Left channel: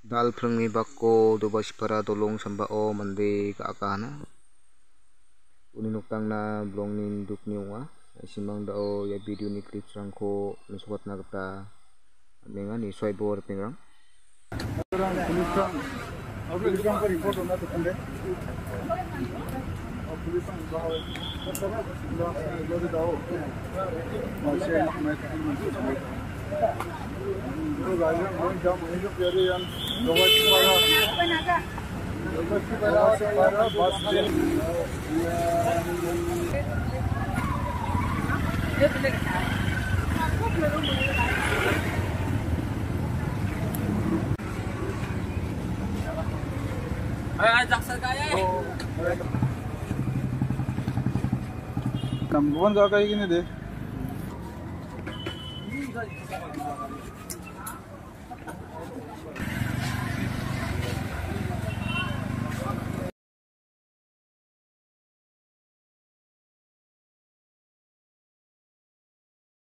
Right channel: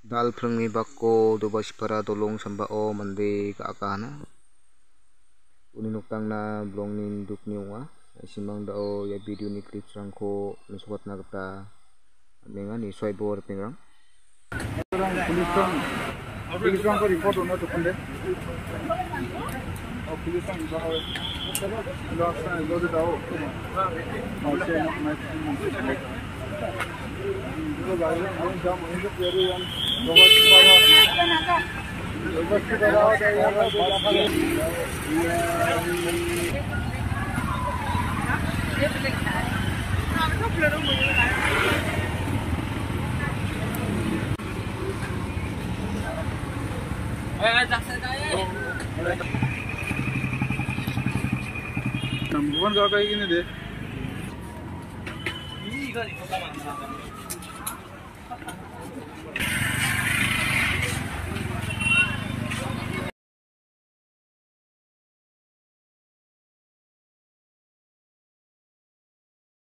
Dalprengni bako dobasipara dolong sambao mande ka·akana. Uni noktangna bolongni nindukni ong·a. Simang dao ia video-ni clips-rangko mesokotna gita man·enga nisoai bor pengrang. पुलिसको रिपोर्ट हुन त police Number one kakak ini deh.